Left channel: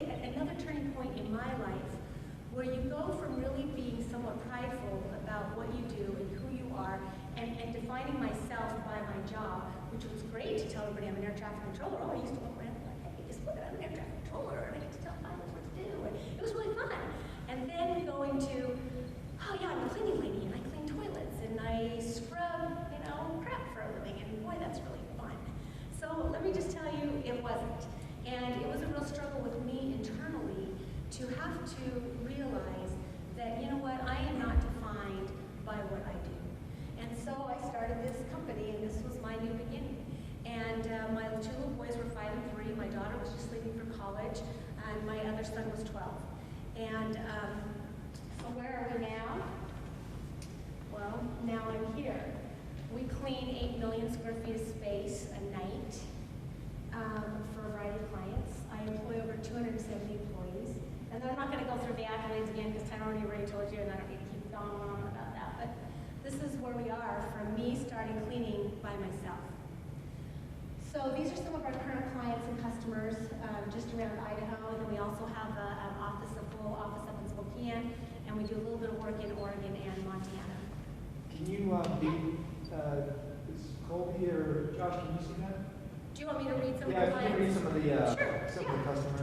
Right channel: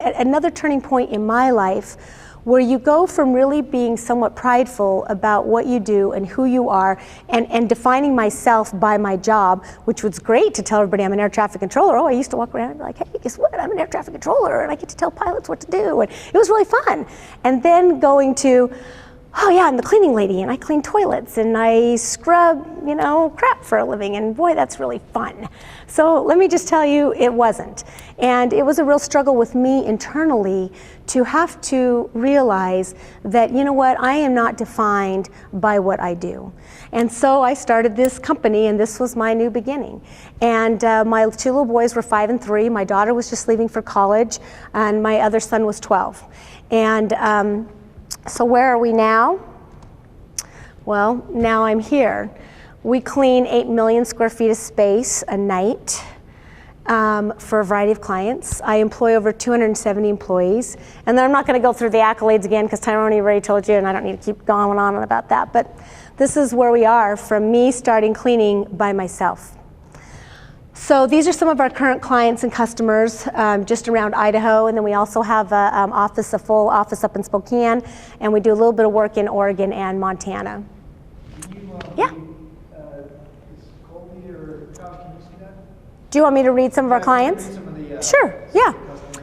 Another turning point in my life where you go from really being somewhat prideful about what you do and who you are and defining myself by my job, which was great to tell everybody I'm an air traffic controller. Oh, I used to walk around and be like, hey, guess what? I'm an air traffic controller and I get to tell pilots what to do. And it was really fun. And then going to, oh yeah, I'm the cleaning lady and I clean toilets and I scrub, crap for a living, and boy, that's really fun. So let me just tell you, it wasn't. And it was a real struggle with me internally to have to realize that, you know what, I am not defined by what I do. And so I started this company, and this was my new beginning. And my two little boys were 5 and 3. My daughter was just leaving for college, and my other son was 12. And so where are we now? Well, now I'm here. We clean 8 million square feet of space a night for a variety of clients. I employ over 270 employees. And then I'm not going to go through the accolades again because Tyrone already told you, and I don't need to keep going on about that. But this is where we are from me starting cleaning by myself. So these are some of our current clients and customers just around Idaho, and then we also have a full office up in Spokane, and we do a little bit of work in Oregon and Montana. Can you, yeah. Is Colby or Josh, can you see that? Do you want me to read some of our clients? Sure, yeah.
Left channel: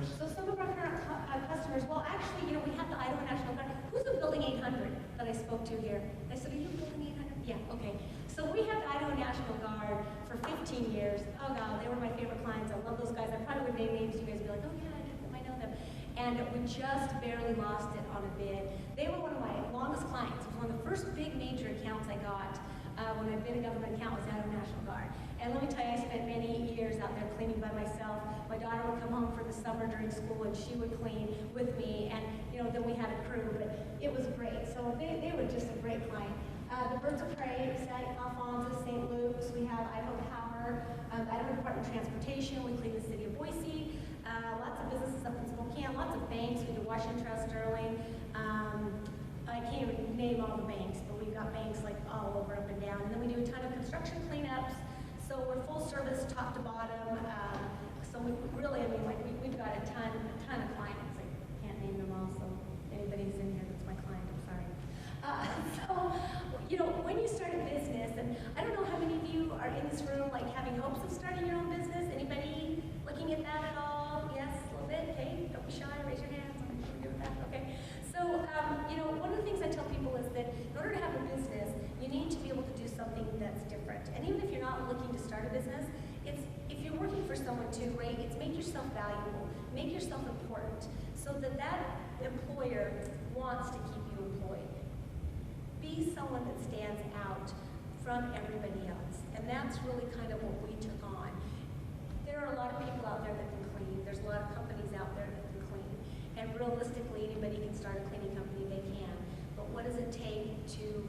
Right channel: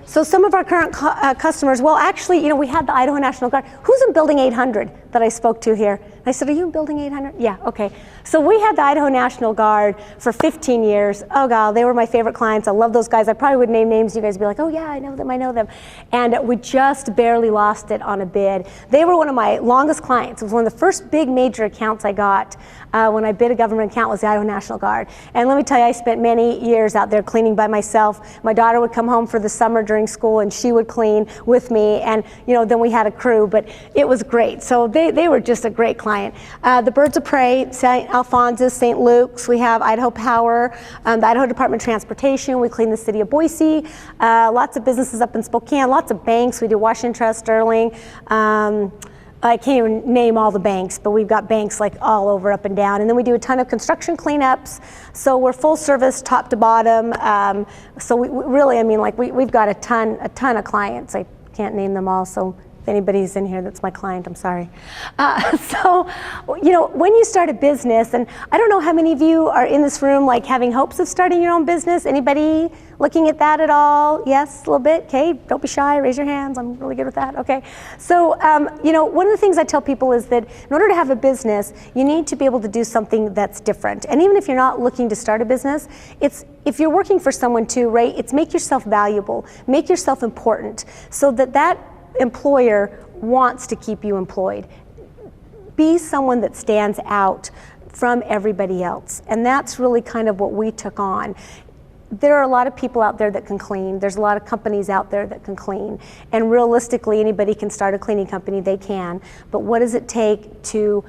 So some of our current customers, well actually, we had the Idaho National Guard. Who's in Building 800 that I spoke to here? I said, are you in Building 800? Yeah, okay. So we had the Idaho National Guard for 15 years. Oh God, they were my favorite clients. I love those guys. I probably would name names. You guys would be like, oh yeah, I know them, I know them. And we just barely lost it on a bid. They were one of my longest clients. It was one of the first big major accounts I got when I bid a government account, was the Idaho National Guard. And let me tell you, I spent many years out there cleaning by myself. My daughter would come home for the summer during school and she would clean with me, and then we had a crew, but it was great. So they were just a great client. The Birds of Prey, St. Alphonsus, St. Luke's, we have Idaho Power, the Idaho Department of Transportation, we clean the city of Boise, lots of businesses up in Spokane, lots of banks, we do Washington Trust, Sterling, I can't even name all the banks, but we've got banks like all over, up and down. And then we do a ton of construction cleanups. So we're full service, top to bottom. So we really, we've got a ton of clients. I can't name them all, so if anybody's in here that's my client, I'm sorry. So, when you start a business, and I don't know how many of you are in this room like having hopes of starting your own business. Anybody looking at that at all? Yes, a little bit? Okay, don't be shy, raise your hands. I'm really good with that, okay. So, one of the things I tell people is that in order to have a business, you need to be able to do something that's different. And even if you're not looking to start a business, if you're working for someone too, right, it's make yourself valuable, make yourself important, so that employer wants to keep you employed. Be someone that stands out from everybody else. And that's really kind of what we took on. There are a lot of people out there that can clean. There's a lot of companies out there that can clean. And realistically, anybody can start a cleaning company, they can. But what does it take to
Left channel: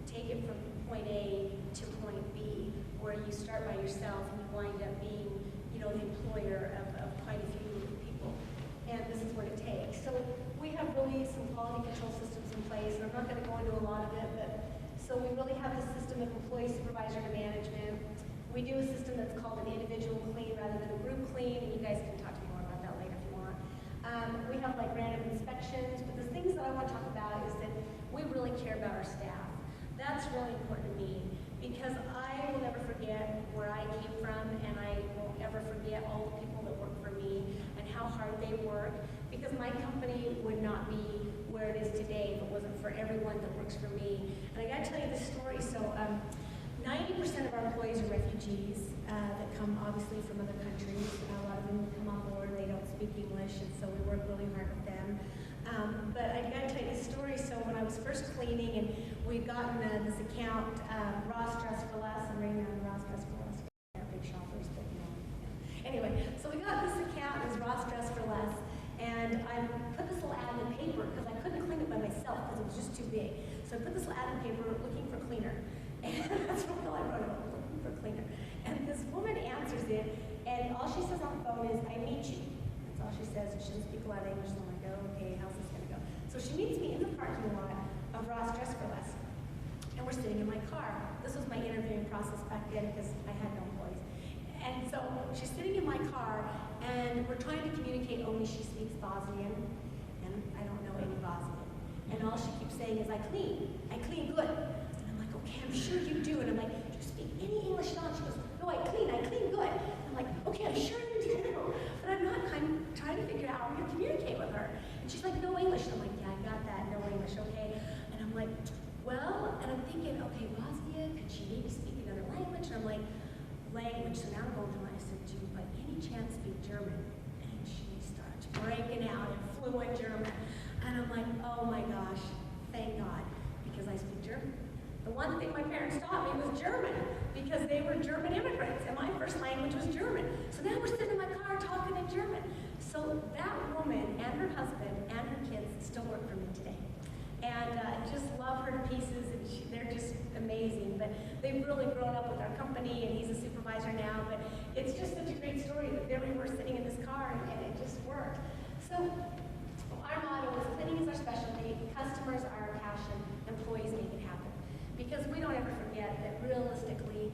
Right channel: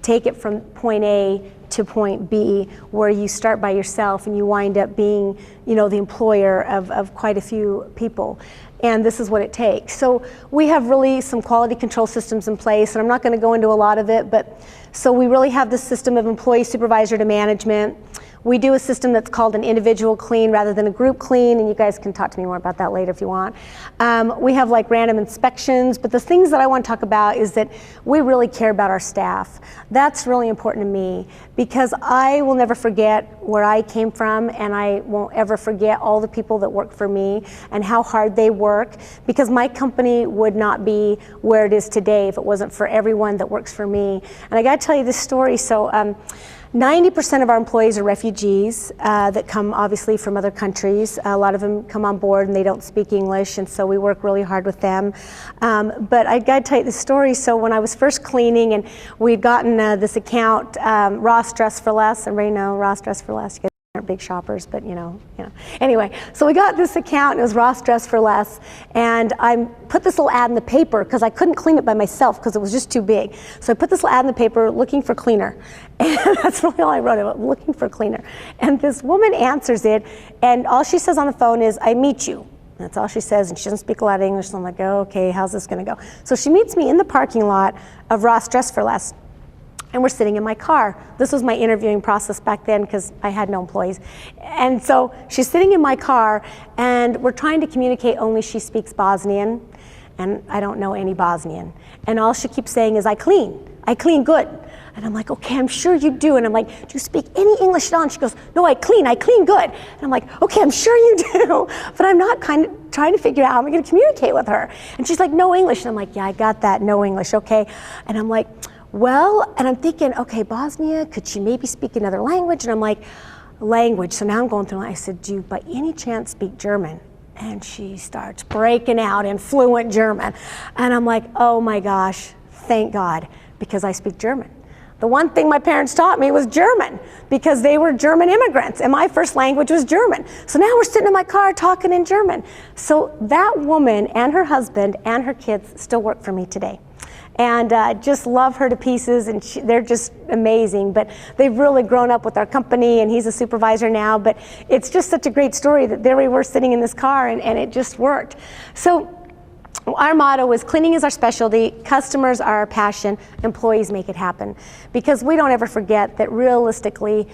take it from point A to point B, where you start by yourself and you wind up being, the employer of quite a few people? And this is what it takes. So we have really some quality control systems in place, and I'm not going to go into a lot of it, but so we really have this system of employee supervisor to management. We do a system that's called an individual clean rather than a group clean, and you guys can talk to me more about that later if you want. We have like random inspections, but the things that I want to talk about is that we really care about our staff. That's really important to me, because I will never forget where I came from, and I won't ever forget all the people that work for me and how hard they work, because my company would not be where it is today if it wasn't for everyone that works for me. And I got to tell you this story. So 90% of our employees are refugees that come obviously from other countries. A lot of them come on board and they don't speak English, and so we work really hard with them. But I got to tell you the story. So when I was first cleaning, and we'd gotten this account, Ross Dress for Less, and Ray know Ross Dress for Less. You guys aren't big shoppers, but Anyway, so we got this account, and it was Ross Dress for Less, and I put this little ad in the paper because I couldn't clean it by myself because it was just too big. So I put this little ad in the paper looking for cleaner. And that's really all I wrote about, looking for cleaner. And this woman answers it, and all she says on the phone is, I meet you. That's all she says, and she doesn't speak a lot of English, so I'm like, oh, okay, how's this gonna go? So she meets me in the parking lot of Ross Dress for Less. and we're sitting in my car. This was my interviewing process back then because I had no employees. And so she's sitting in my car, and we're trying to communicate, only she speaks Bosnian, and I don't know any Bosnian. And all she keeps saying is, I clean good. And I'm like, okay, I'm sure you do. And I'm like, do you speak any English at all? And she goes, no, I clean good. And I'm like, okay, I'm sure you do. But I'm not kind of trying to figure out how I'm going to communicate with her. And she's like, no English. And I'm like, yeah, I got that, no English, okay. And I'm like, well, and I'm thinking, okay, Bosnia, could she maybe speak another language? And I'm like, language. So now I'm going through, I said, do you by any chance speak German? And she starts breaking out in fluent German. And I'm like, oh my gosh, thank God, because I speak German. The one thing my parents taught me was German, because they were German immigrants, and my first language was German. So now we're sitting in my car talking in German. So that woman and her husband and her kids still work for me today. And just love her to pieces, and they're just amazing. But they've really grown up with our company, and he's a supervisor now. But it's just such a great story that there we were sitting in this car, and it just worked. So our motto is cleaning is our specialty, customers are our passion, employees make it happen. Because we don't ever forget that realistically,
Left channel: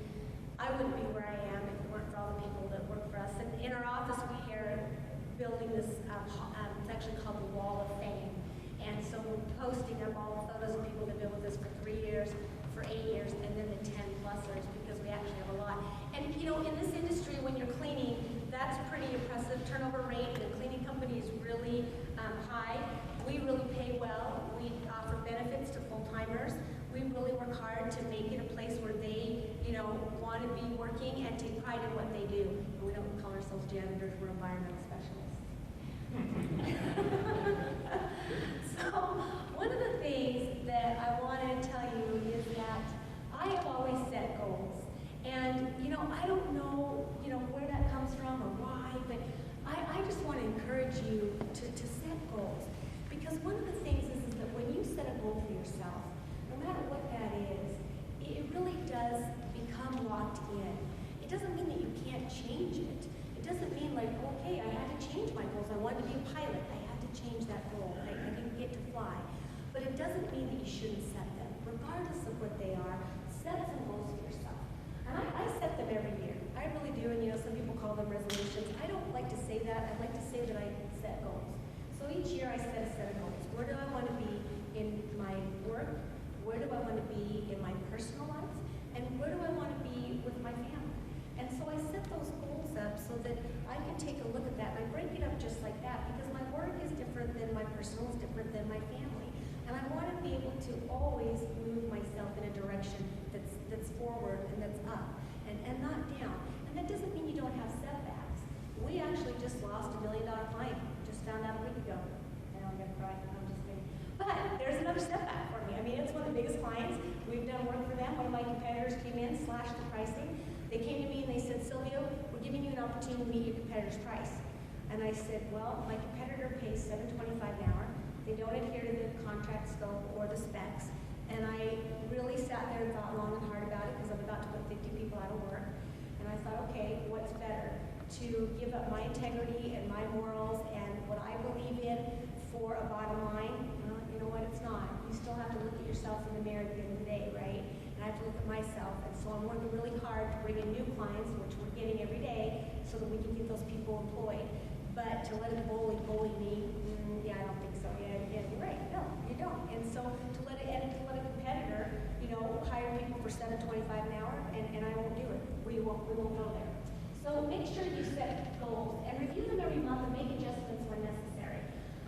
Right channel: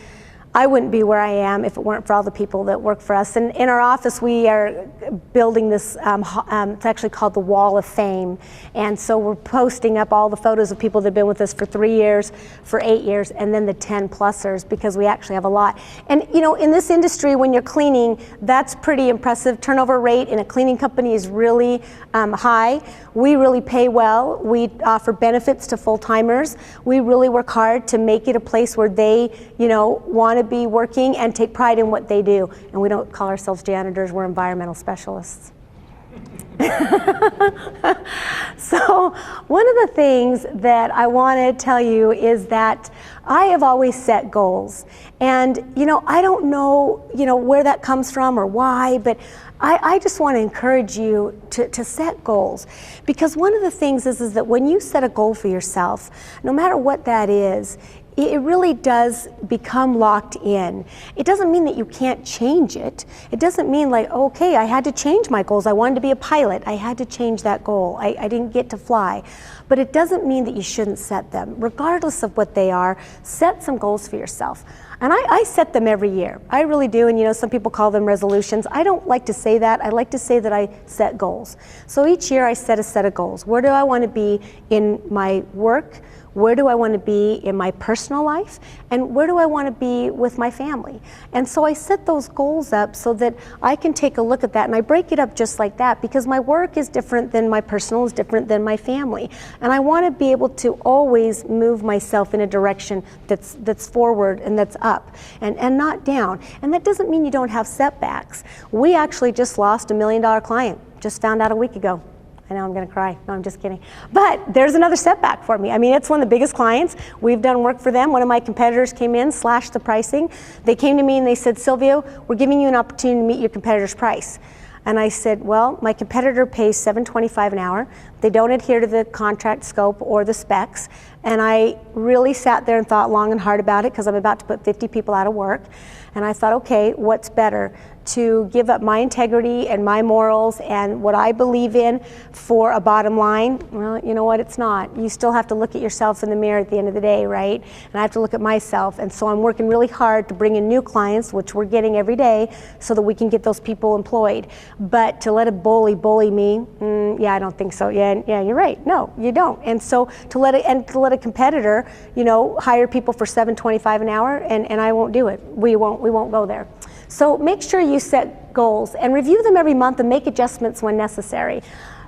I wouldn't be where I am if it weren't for all the people that work for us. And in our office, we are building this, it's actually called the Wall of Fame. And so we're posting up all the photos of people that have been with us for 3 years, for 8 years, and then the 10-plussers, because we actually have a lot. And you know, in this industry, when you're cleaning, that's pretty impressive. Turnover rate in a cleaning company is really high. We really pay well. We offer benefits to full-timers. We really work hard to make it a place where they, you know, want to be working and take pride in what they do. And we don't call ourselves janitors, we're environmental specialists. So one of the things that I want to tell you is that I have always set goals. And, you know, I don't know, you know, where that comes from or why, but I just want to encourage you to set goals. Because one of the things is that when you set a goal for yourself, no matter what that is, it really does become locked in. It doesn't mean that you can't change it. It doesn't mean like, okay, I had to change my goals. I wanted to be a pilot. I had to change that goal. I didn't get to fly. But it doesn't mean that you shouldn't set them. Regardless of what they are, set some goals for yourself. And I set them every year. I really do, and you know, some people call them resolutions. I don't like to say that. I like to say that I set goals. So each year I set a set of goals. Where do I want to be in my work? Where do I want to be in my personal life? And where do I want to be with my family? And so I set those goals up so that I can take a look at that, and I break it up just like that, because my work is different than my personal, is different than my family. And I want to be able to always move myself in a direction that's forward and that's up and not down. And that doesn't mean you don't have setbacks. We actually just lost $1 million client, just found out a week ago. I know I'm going to cry. No, I'm just kidding. But there's another setback for me. I mean, it's one of the biggest clients. We've done work for them. One of my competitors came in, slashed the pricing. They came to me and they said, Sylvia, we're giving you an opportunity to meet your competitor's price. And I said, well, my competitor pays $7.25 an hour. They don't adhere to the contract scope or the specs. And I really sat there and thought long and hard about it, because I'm about to put 50 people out of work. And I thought, okay, what's better? To give up my integrity and my morals and what I believe in for a bottom line? Well, you know what, it's not. You still have to look at yourself in the mirror at the end of the day, right? And I have to look at myself. And so I'm working really hard to bring in new clients, which we're getting every day, so that we can get those people employed. But to let a bully me, yeah, I don't think so. Yeah, you're right. No, you don't. And so to let a competitor, you know, hire people for $7.25 an hour, and I won't do it. We won't go there. So make sure you set goals and review them every month and make adjustments when necessary.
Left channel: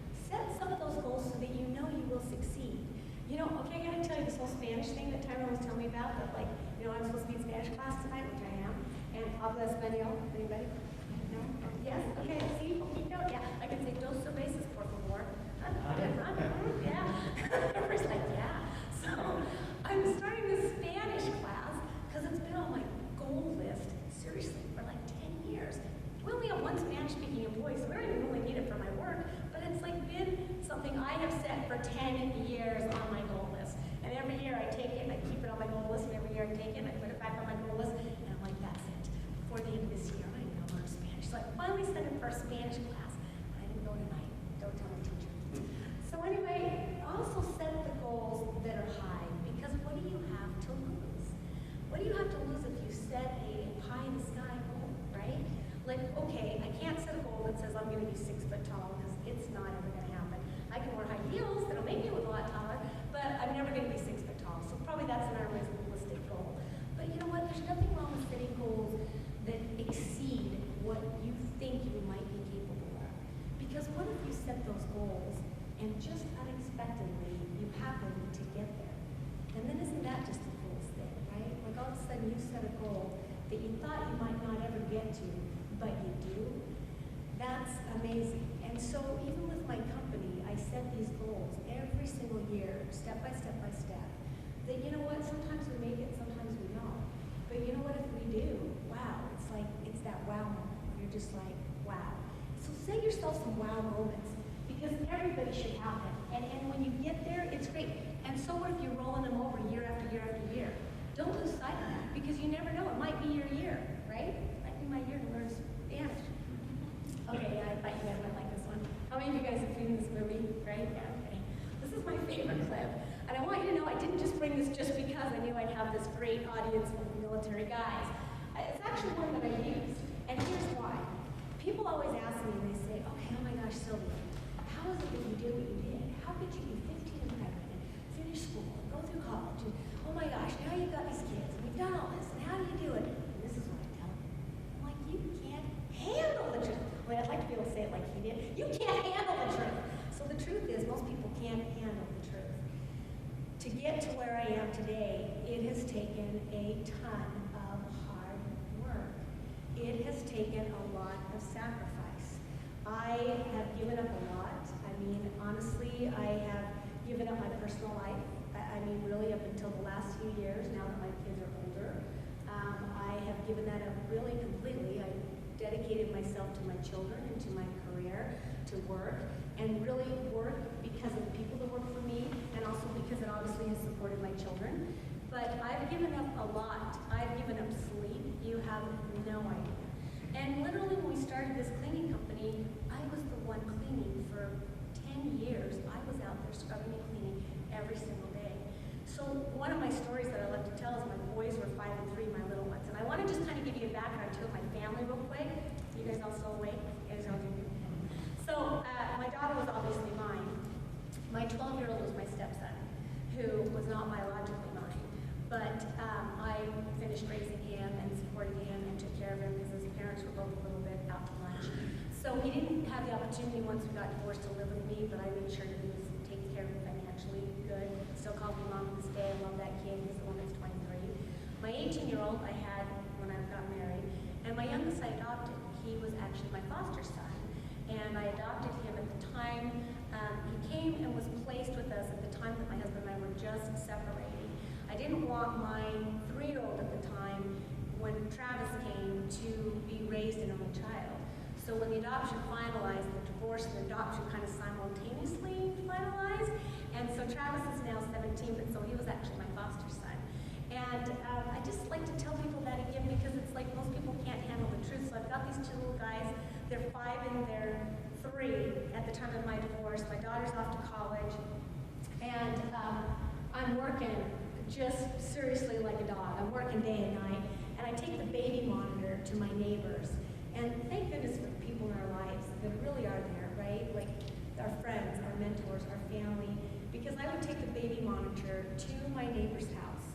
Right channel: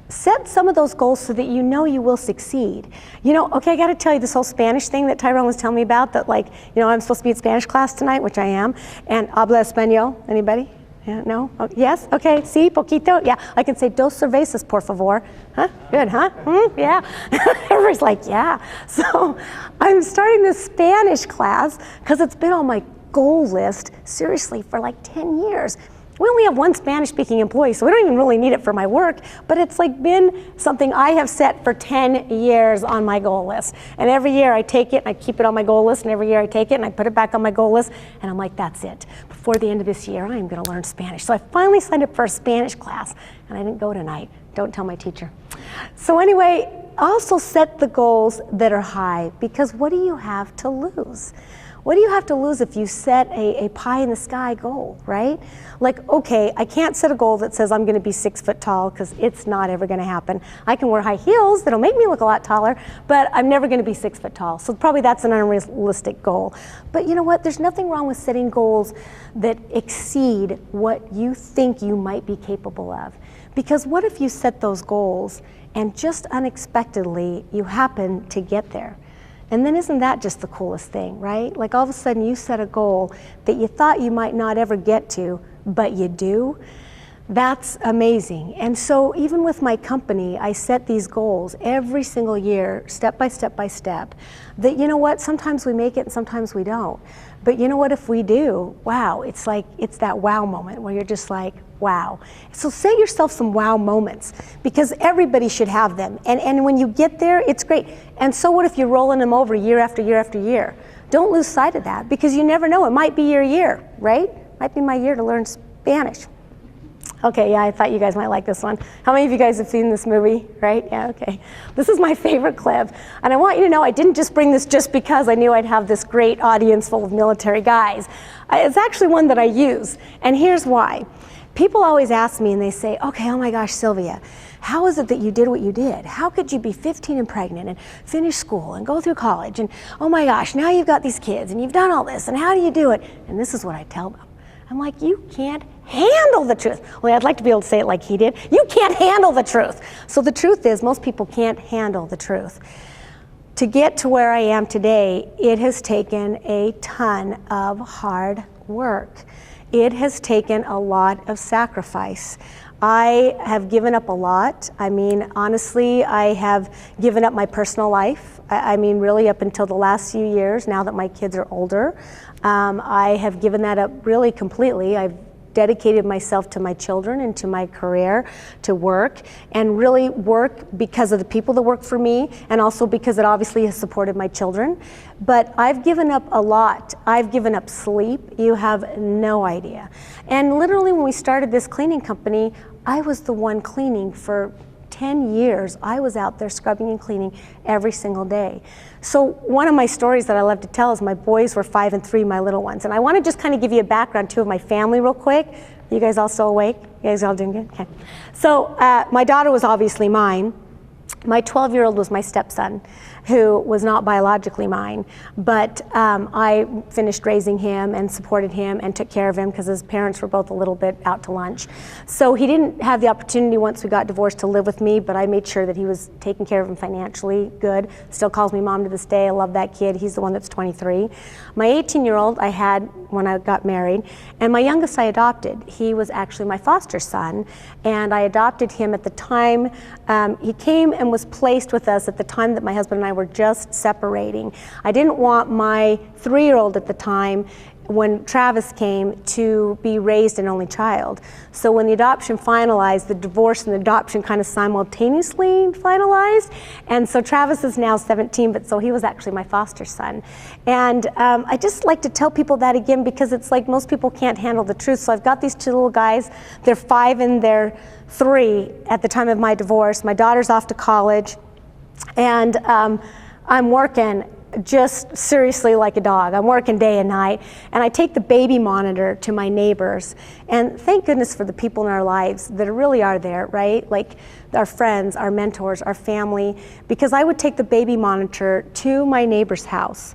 Set some of those goals so that you know you will succeed. You know, okay, I got to tell you this whole Spanish thing that Tyrone was telling me about, that like, you know, I'm supposed to be in Spanish class tonight, which I am, and habla español. Anybody? Yeah, no? Oh, yes? Okay, sí, poquito? Yeah, I can say dos cervezas, por favor. Huh? Good, huh? Yeah. Everybody's like, yeah. So I'm starting this Spanish class because it's been on my goal list, seriously, for like 10 years. We only have one Spanish-speaking employee, so we don't even really need it for my work, but it's like been something I have set for 10 years on my goal list. And every year I take it and I keep it on my goal list, and every year I take it and I put it back on my goal list, and I'm like, that's it. Before the end of this year, I am gonna learn Spanish. So I finally signed up for a Spanish class, and I didn't go tonight Don't tell my teacher. So anyway, also set the goals that are high, because what do you have to lose? What do you have to lose if you set a pie in the sky goal, right? Like, okay, I can't set a goal that says I'm gonna be 6 foot tall, because it's not ever gonna happen. I can wear high heels that'll make me look a lot taller, but I'm never gonna be 6 foot tall. So probably that's an unrealistic goal. But you know what? There's nothing wrong with setting goals that exceed what you think you might be capable of. Because what if you set those goals and just unexpectedly you happen to get there? And then isn't that just the coolest thing, right? Like all of a sudden you set a goal that you thought you might not ever get to, but you do. That's amazing. And so even with my company, I set these goals every single year, step by step by step, that you know what, sometimes we make it and sometimes we don't. But you know what, if we do, wow, it's like, it's that wow moment where you're just like, wow. So set yourself some wow moments, because everybody should have them. And when you get there, it's great. And so what if you're rolling them over year after year after year? Don't lose sight of that, because you never know, it might be your year, right? Might be my year to learn Spanish. Okay, yeah, I thought you guys might like this one. How many of you guys have seen this movie, right? Yeah, okay. This is my favorite clip. And I want you to know I didn't just bring this just because I knew I'd have this great audience full of military guys. It's actually one that I use, and here's why. People always ask me and they say, okay, oh my gosh, Sylvia, how is it that you did what you did? How could you be 15 and pregnant and finish school and go through college? And oh my gosh, now you've got these kids and you've done all this, and how do you do it? And this is what I tell them. I'm like, you can't handle the truth. Well, I'd like to be able to say it like he did. You can't handle the truth. So the truth is, most people can't handle the truth. To get to where I am today, it has taken a ton of hard work. It has taken a lot of sacrifice. I have given up a lot. I mean, honestly, I have given up my personal life. I mean, really up until the last few years, now that my kids are older. I have given that up really completely. I've dedicated myself to my children and to my career, to work, and really work because of the people that work for me, and also because it obviously has supported my children. But I've given up a lot. I've given up sleep. You have no idea. And literally when we started this cleaning company, I was the one cleaning for 10 years. I was out there scrubbing and cleaning every single day. So one of my stories that I love to tell is my boys were 5 and 3, my little ones. And I want to just kind of give you a background too of my family real quick. You guys all still awake? You guys all doing good? Okay. So my daughter was obviously mine. My 12-year-old was my stepson, who was not biologically mine, but I finished raising him and supported him and took care of him because his parents were both a little bit out to lunch. So he didn't have the opportunity once we got divorced to live with me, but I made sure that he was taking care of him financially good. Still calls me mom to this day. I love that kid. He's the one that's 23. My 18-year-old I had when I got married, and my youngest I adopted. He was actually my foster son, and I adopted him at the time. He came and was placed with us at the time that my husband and I were just separating. I didn't want my 3-year-old at the time, when Travis came, to be raised an only child. So when the adoption finalized, the divorce and the adoption kind of simultaneously finalized. And so Travis is now 17, but so he was actually my foster son. And I just like to tell people that again, because it's like most people can't handle the truth. So I've got these 2 little guys. They're 5 and they're 3 at the time of my divorce. My daughter's off to college, and I'm working just seriously like a dog. I'm working day and night, and I take the baby monitor to my neighbors, and thank goodness for the people in our lives that really are there, right? Like our friends, our mentors, our family, because I would take the baby monitor to my neighbor's house,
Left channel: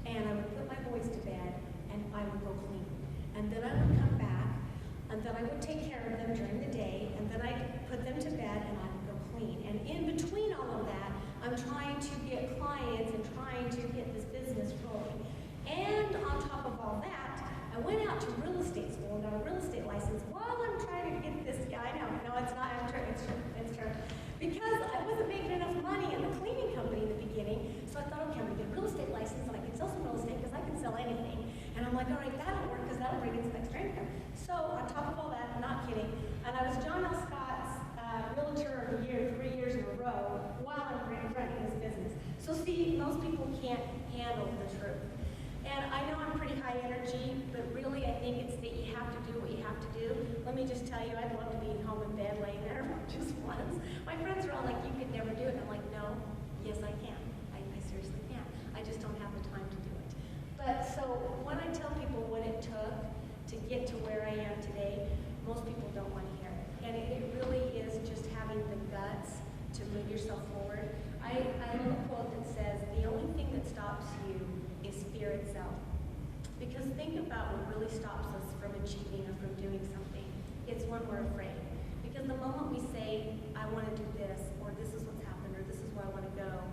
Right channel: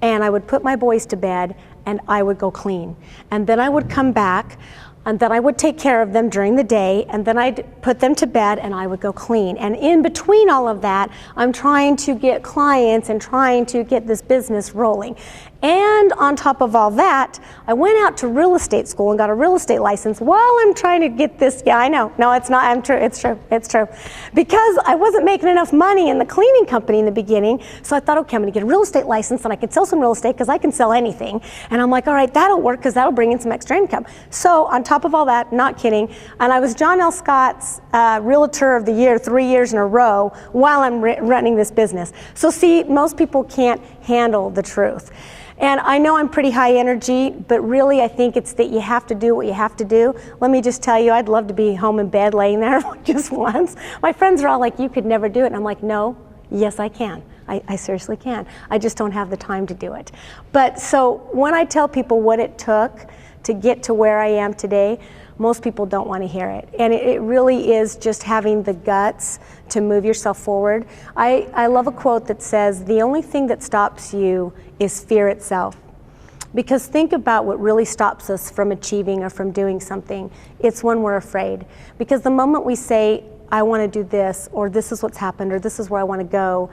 and I would put my boys to bed, and I would go clean. And then I would come back, and then I would take care of them during the day, and then I'd put them to bed and I would go clean. And in between all of that, I'm trying to get clients and trying to get this business rolling. And on top of all that, I went out to real estate school and got a real estate license while I'm trying to get this. Yeah, I know. No, it's not. It's true. It's true. Because I wasn't making enough money in the cleaning company in the beginning. So I thought, okay, I'm going to get a real estate license and I can sell some real estate because I can sell anything. And I'm like, all right, that'll work because that'll bring in some extra income. So on top of all that, not kidding, and I was John L. Scott's Realtor of the Year 3 years in a row while I'm running this business. So see, most people can't handle the truth. And I know I'm pretty high energy, but really I think it's that you have to do what you have to do. Let me just tell you, I'd love to be home in bed laying there just once. My friends are all like, you could never do it. And I'm like, no, yes I can. I seriously can. I just don't have the time to do it. But so when I tell people what it took to get to where I am today, most people don't want to hear it. And it really is just having the guts to move yourself forward. I love a quote that says, the only thing that stops you is fear itself. Because think about what really stops us from achieving or from doing something. It's when we're afraid. Because the moment we say, I want to do this, or this is what's happened, or this is where I want to go,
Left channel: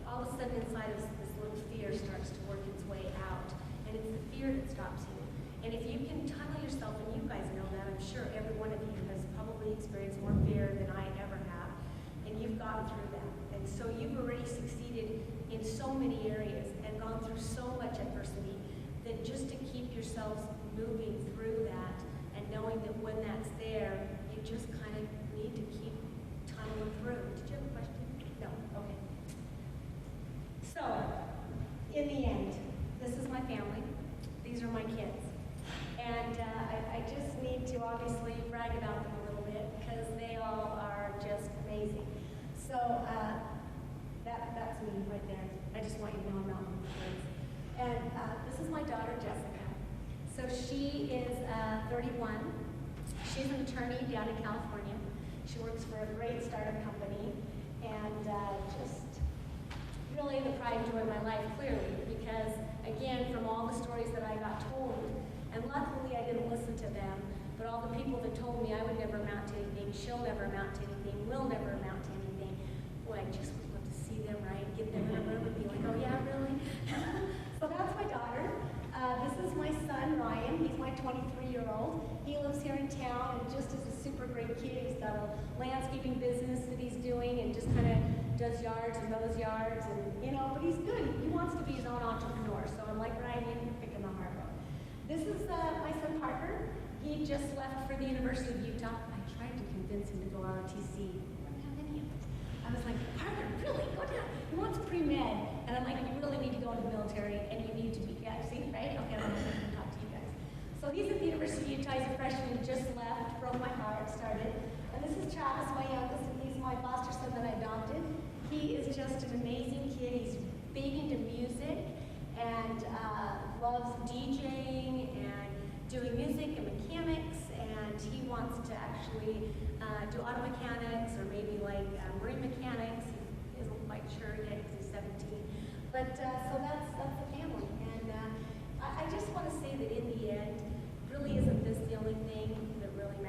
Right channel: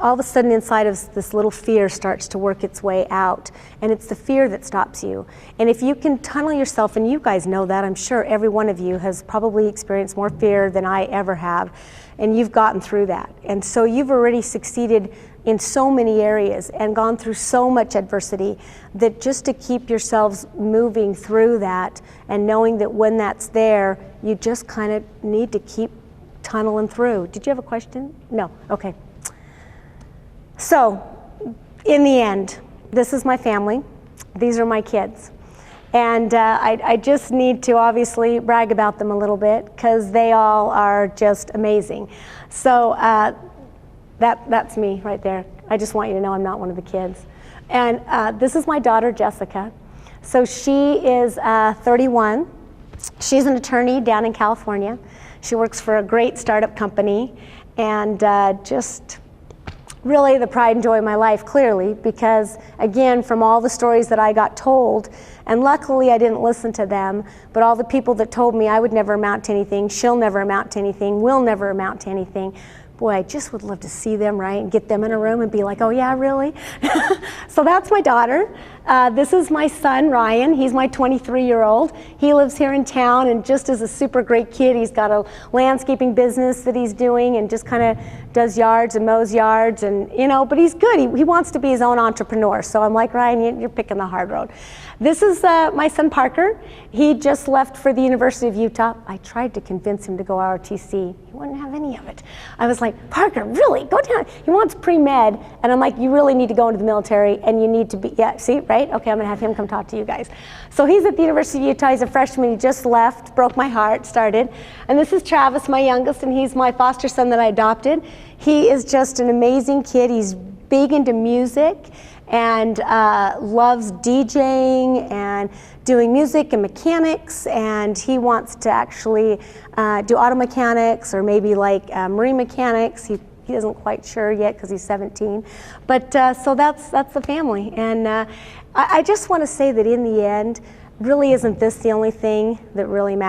all of a sudden inside of this little fear starts to work its way out. And it's the fear that stops you. And if you can tunnel yourself, and you guys know that, I'm sure every one of you has probably experienced more fear than I ever have, and you've gotten through that. And so you've already succeeded in so many areas and gone through so much adversity that just to keep yourselves moving through that and knowing that when that's there, you just kind of need to keep tunneling through. Did you have a question? No, okay. So, in the end, this is my family. These are my kids. And I just need to obviously brag about them a little bit because they all are just amazing. So that's me right there. I just want you to know I'm not one of the kids. And this is my daughter, Jessica. So she is 31. She's an attorney down in California. She works for a great startup company, and just really the pride and joy of my life, clearly, because again, from all the stories that I got told, and luckily I didn't listen to them, but all the people that told me I would never amount to anything, she'll never amount to anything, we'll never amount to anything, boy, I just would love to see them, right, and get them in a room and be like, oh yeah, really? So that's my daughter. This is my son, Ryan. He's my 23-year-old. He lives here in town and just is a super great kid. He's got a landscaping business that he's doing and just kind of does yards and mows yards, and you know, but he's good. He wants to be his own entrepreneur. So I'm like, Ryan, you're picking the hard road. This is my son, Parker. He just left for the University of Utah. I tried to convince him to go ROTC. He wouldn't have any of it. I was like, Parker, really? Go down. He wants pre-med. And I'm like, you really need to go into the military and you need to be, yeah, see, right? Okay, I'm gonna have him come talk to you guys. So he's at the University of Utah. He's a freshman. He just left, broke my heart, started. And this is Travis, my youngest, and he's my foster son that I adopted. He is just an amazing kid. He's big into music and loves DJing and doing music and mechanics, and he wants to actually do auto mechanics or maybe like marine mechanics. He isn't quite sure yet because he's 17. But so that's the family. And I just want to say that in the end, really isn't this the only thing that really matters.